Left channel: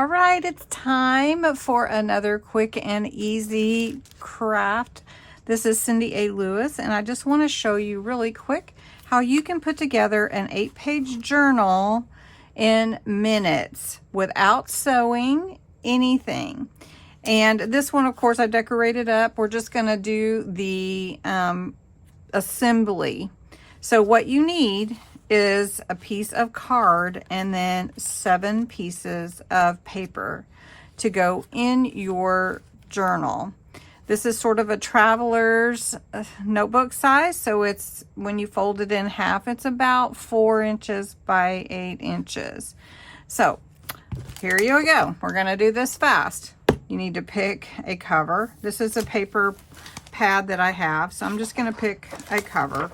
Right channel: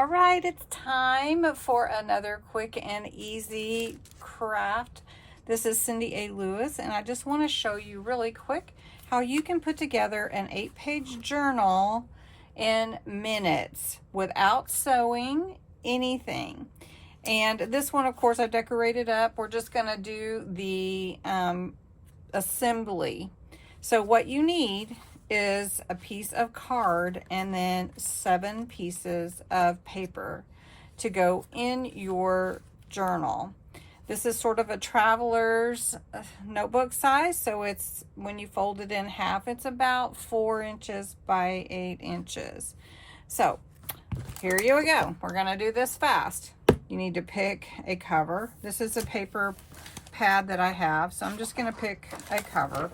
All right, it's time for another quick and easy craft. This is Cindy A. Lewis, and I just want to show you really quick how you can put together an 8-page journal in minutes without sewing anything. And this one, of course, I decorated up. We're just going to do the assembly. So what you need is a piece of card and then 7 pieces of paper to go in your journal. This is sort of a traveler's notebook size, so it's, when you fold it in half, it's about 4 inches by 8 inches. So here you go. We're gonna do this fast. You need to pick a cover. This is a paper pad that I have, so I'm just gonna pick a cover.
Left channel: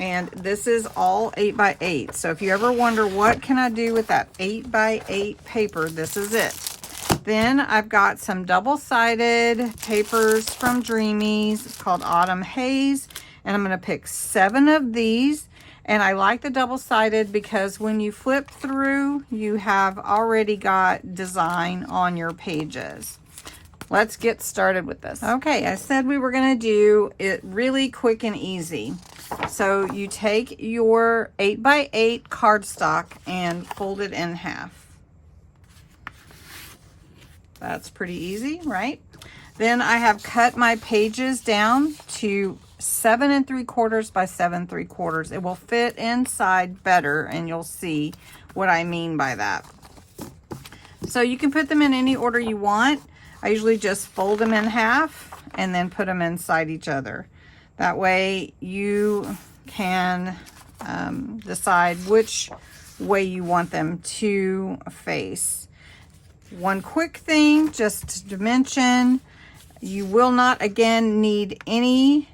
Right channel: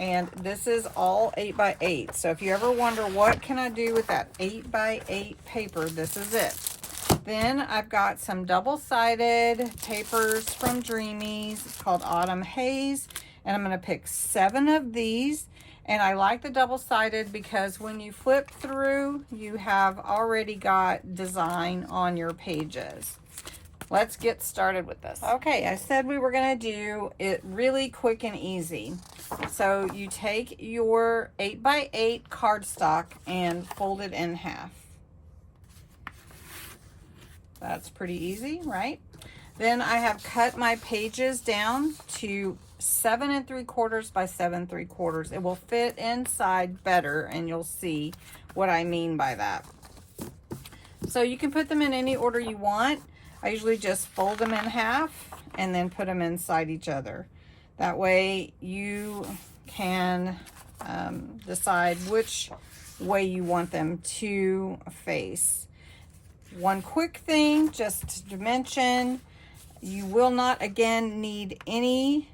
And this is all 8 by 8. So if you ever wonder what can I do with that 8 by 8 paper, this is it. Then I've got some double-sided papers from Dreamies. It's called Autumn Haze. And I'm going to pick 7 of these. And I like the double-sided because when you flip through, you have already got design on your pages. Let's get started with this. Okay, I said we were going to do it really quick and easy. So you take your 8 by 8 cardstock and fold it in half. That's pretty easy, right? Then I have cut my pages down to 7 3/4 by 7 3/4. It will fit inside better, and you'll see what I mean by that. So you can put them in any order you want. I usually just fold them in half and then put them inside each other. That way you can decide which way you want them to face. One quick thing just to mention, you will not again need any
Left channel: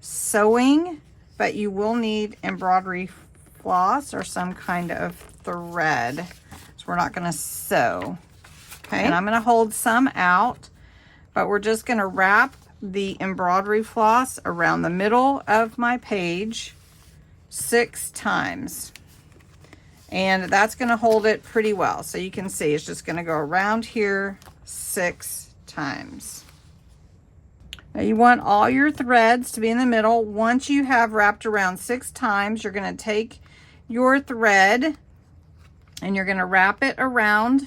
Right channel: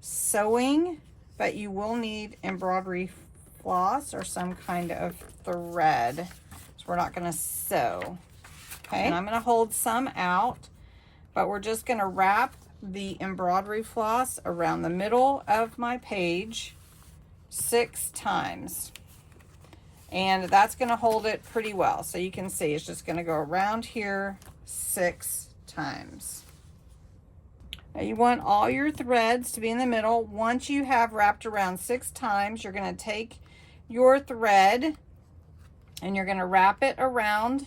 sewing, but you will need embroidery floss or some kind of thread. So we're not going to sew. Okay, and I'm going to hold some out, but we're just going to wrap the embroidery floss around the middle of my page 6 times. And that's going to hold it pretty well. So you can see it's just going to go around here 6 times. Now you want all your threads to be in the middle. Once you have wrapped around 6 times, you're going to take your thread and you're going to wrap it around.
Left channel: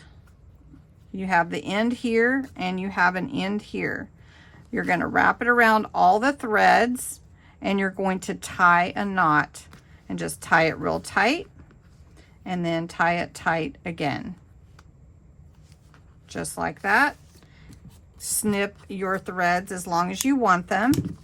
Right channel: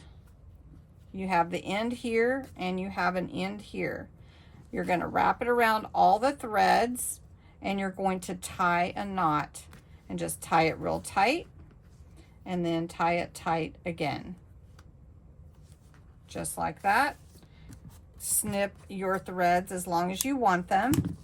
You have the end here and you have an end here. You're going to wrap it around all the threads and you're going to tie a knot and just tie it real tight and then tie it tight again. Just like that. Snip your threads as long as you want them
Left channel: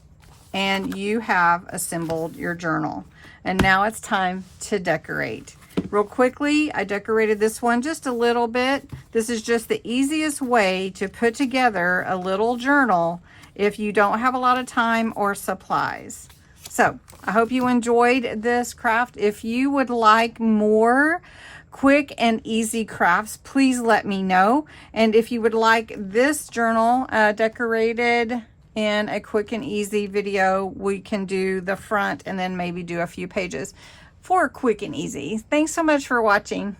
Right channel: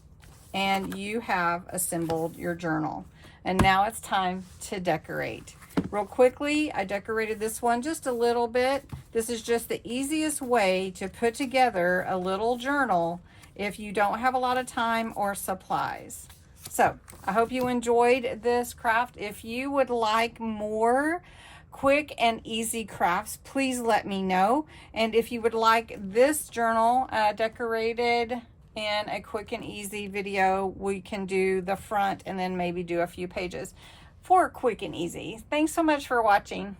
and you have assembled your journal. And now it's time to decorate. Real quickly, I decorated this one just a little bit. This is just the easiest way to put together a little journal if you don't have a lot of time or supplies. So I hope you enjoyed this craft. If you would like more quick and easy crafts, please let me know. And if you would like this journal decorated in a quick and easy video, we can do the front and then maybe do a few pages for quick and easy. Thanks so much for watching.